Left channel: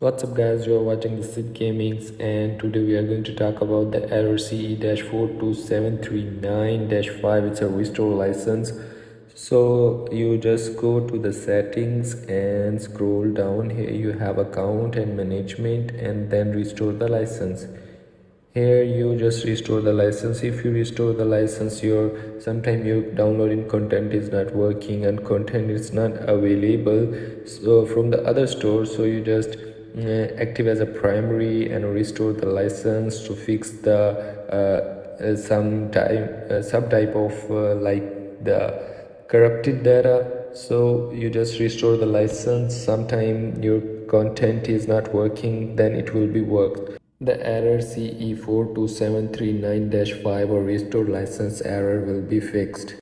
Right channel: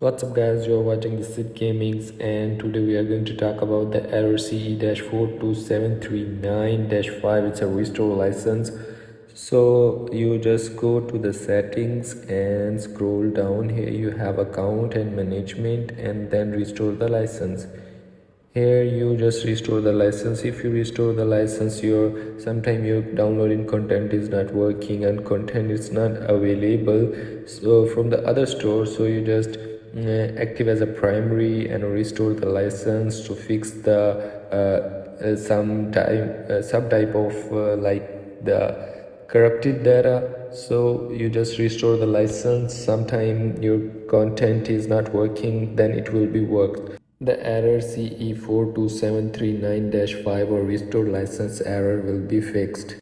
What's up guys, you are watching the Sid Gamings and today we are going to talk about the error CE-42739-5. It's a restore license. So you just go to the settings and scroll down. Here you have account and management and then restore the license. Here you just restore the license. If you restore the license, sometime your downloading content is not working and content is not available so from the other store, so you just active as a primary and restore the license to fix the some type of like the corrupted data. So you just restore the license. Sometime your content is not working, then it will be worked. The error CE-42739-5 or restore license error will be fixed.